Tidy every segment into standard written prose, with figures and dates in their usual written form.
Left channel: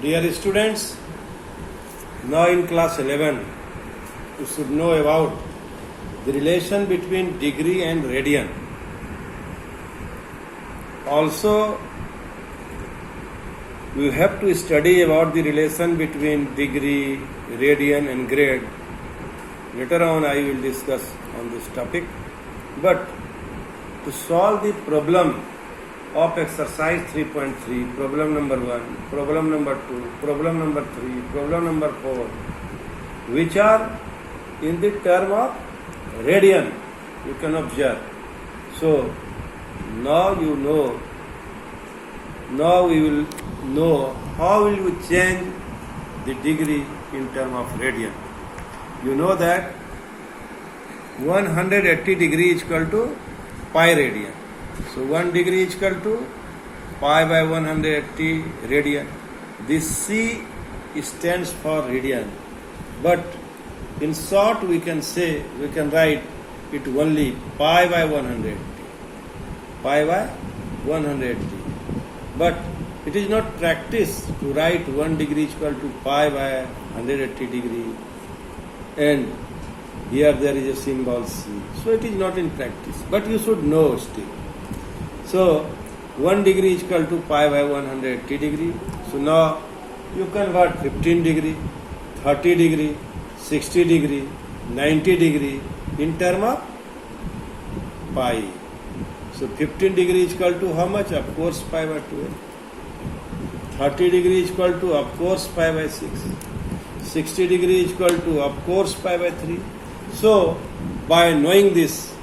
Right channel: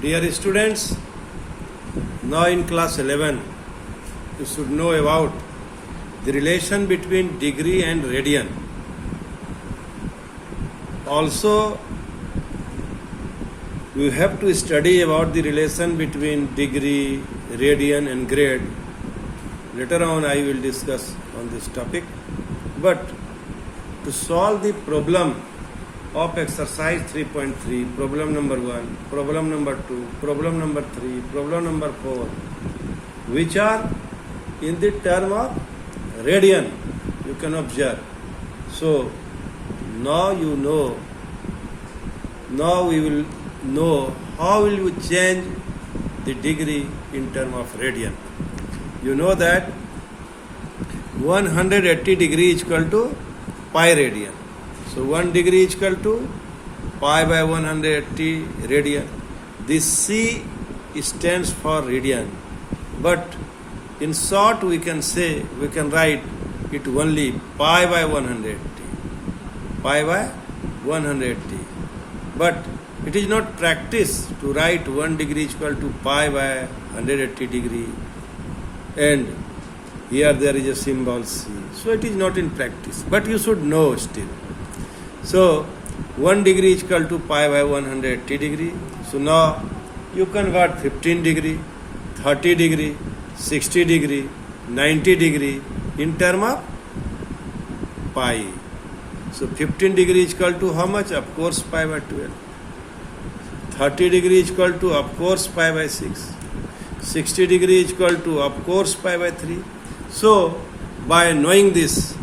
Dear students, now in class 11, you should know about the relation between degree and radian. Also, you have to study about the relation between degree, radian and grade. Later on I will discuss on this topic. But to solve the problem of exercise 3.3, problem number 1, problem number 2, problem number 3, problem number 4, which are in the term of radian, you can observe. So, now you know, now we will know how will we change the degree in term of radian. You know that 180 degree is equal to pi radian. So 1 degree is equal to pi by 180 radian. This C stands for radian. But in short we can say, we can write it only pi by 180. Pi by 180. But it is not practice to write 1 degree is equal to pi by 180 degree. And here there is a symbol C. So it is not in practice. But you should know still. So 1 degree is equal to pi by 180 degree. So now you convert 15 degree, 30 degree, 60 degree, 90 degree in term of pi. So 15 degree is equal to how much? Of course pi by 12. 30 degree is equal to of course pi by 6. 60 degree is equal to of course pi by 3. So by knowing this,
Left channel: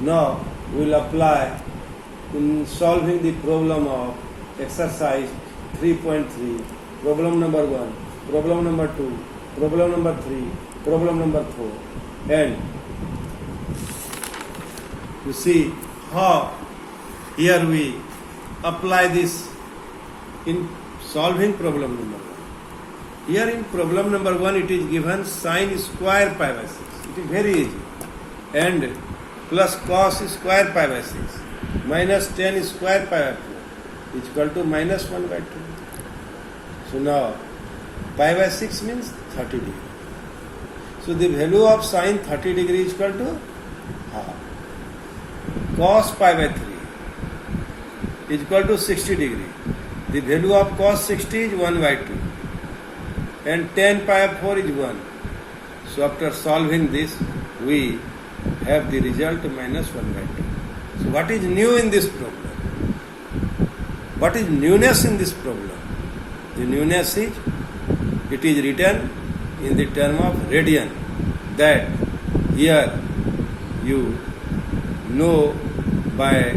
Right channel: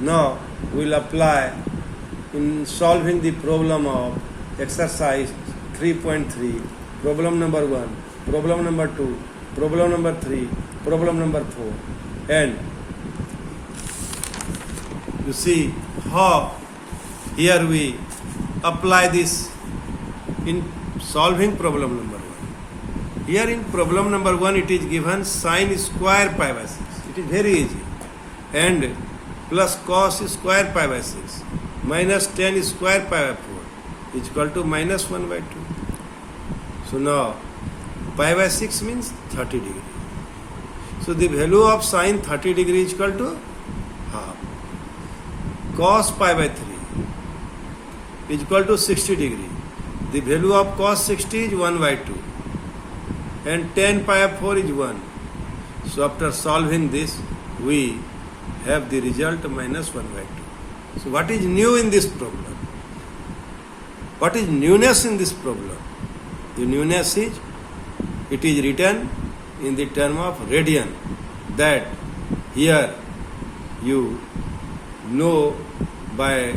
now we will apply in solving the problem of exercise 3.3, problem number 1, problem number 2, problem number 3, problem number 4. And you see how here we apply this in solving problem number 1. Here in problem number 1 it is given sine square pi by 6. It is very easy. And plus cos square pi by 6 minus tan square pi by 4 is equal to minus 1 by 2. So now pi by 6 means 30 degree. So the value of sine 30 degree is equal to half. Cos pi by 3 is equal to 60 degree. The value of cos 60 is 1 by 2. And tan pi by 4 is 1. So after solving this, we have the result minus 1 by 2. So what is new in this problem? What is newness in this problem? The newness is, it is written in the term of radian, that here you know by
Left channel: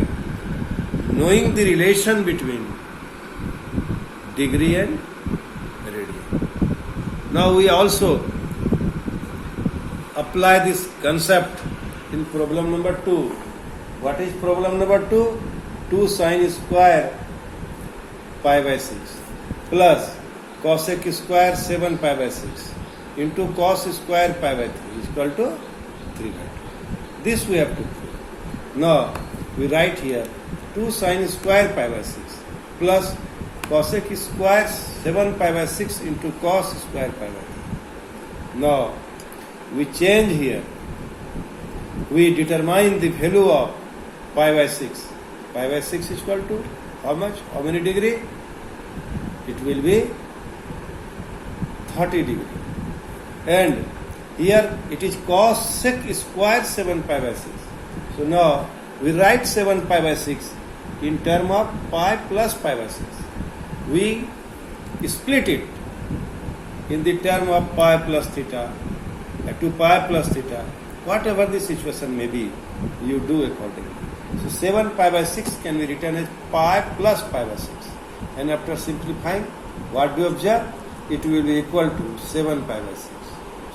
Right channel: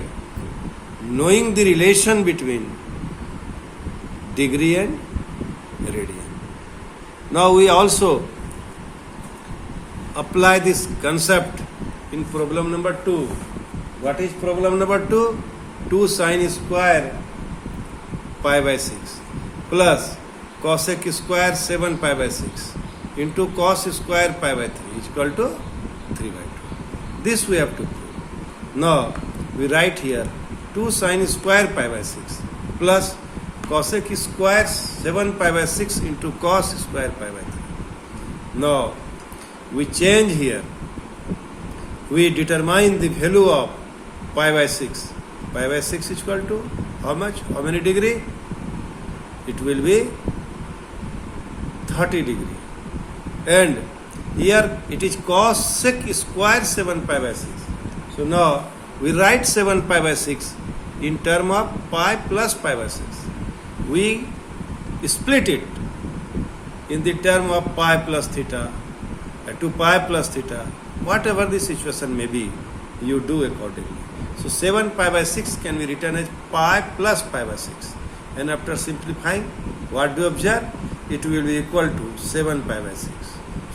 knowing the relation between degree and radian. Now we also apply this concept in problem number 2. What is problem number 2? 2 sine square pi by 6 plus cosec square 7 pi by 6 into cos square pi by 3 is equal to 3 by 2. This we have to prove. Now we write here 2 sine square pi by 6 plus cosec square 7 pi by 6 into cos square pi by 3. Now we change here. We determine the value of pi by 6. Pi by 6 is equal to how much? How many degree? It will be 30 degree. And here it is cosec square 7 pi by 6. So now we write 7 pi by 6 in term of pi plus pi by 6. We split it in the term of pi plus theta to pi plus theta. Whatever the situation may be, you do accordingly. So 7 pi by 6 can be written as pi plus pi by 6. And after simplifying, what do you observe? It will be equal to 7 pi by 6.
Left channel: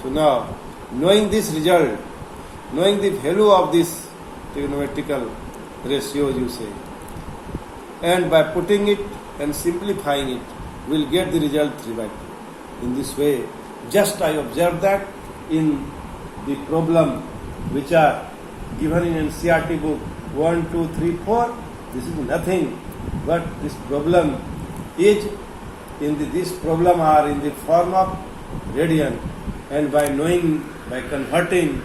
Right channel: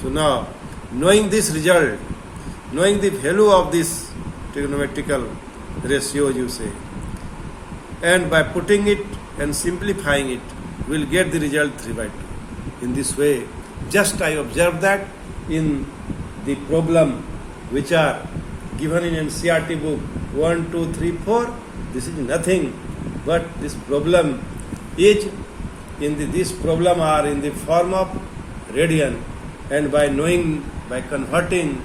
So now, knowing this result, knowing the value of this trigonometrical ratio, you say, and by putting it and simplifying it, we will get the result 3 by 2. In this way, just I observed that in the problem which are given in NCERT book 1, 2, 3, 4, this is nothing but this problem is this problem are in the form of radian, and by converting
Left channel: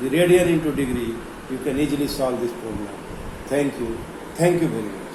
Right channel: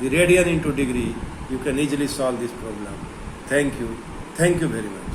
the radian into degree, you can easily solve this problem. Thank you very much.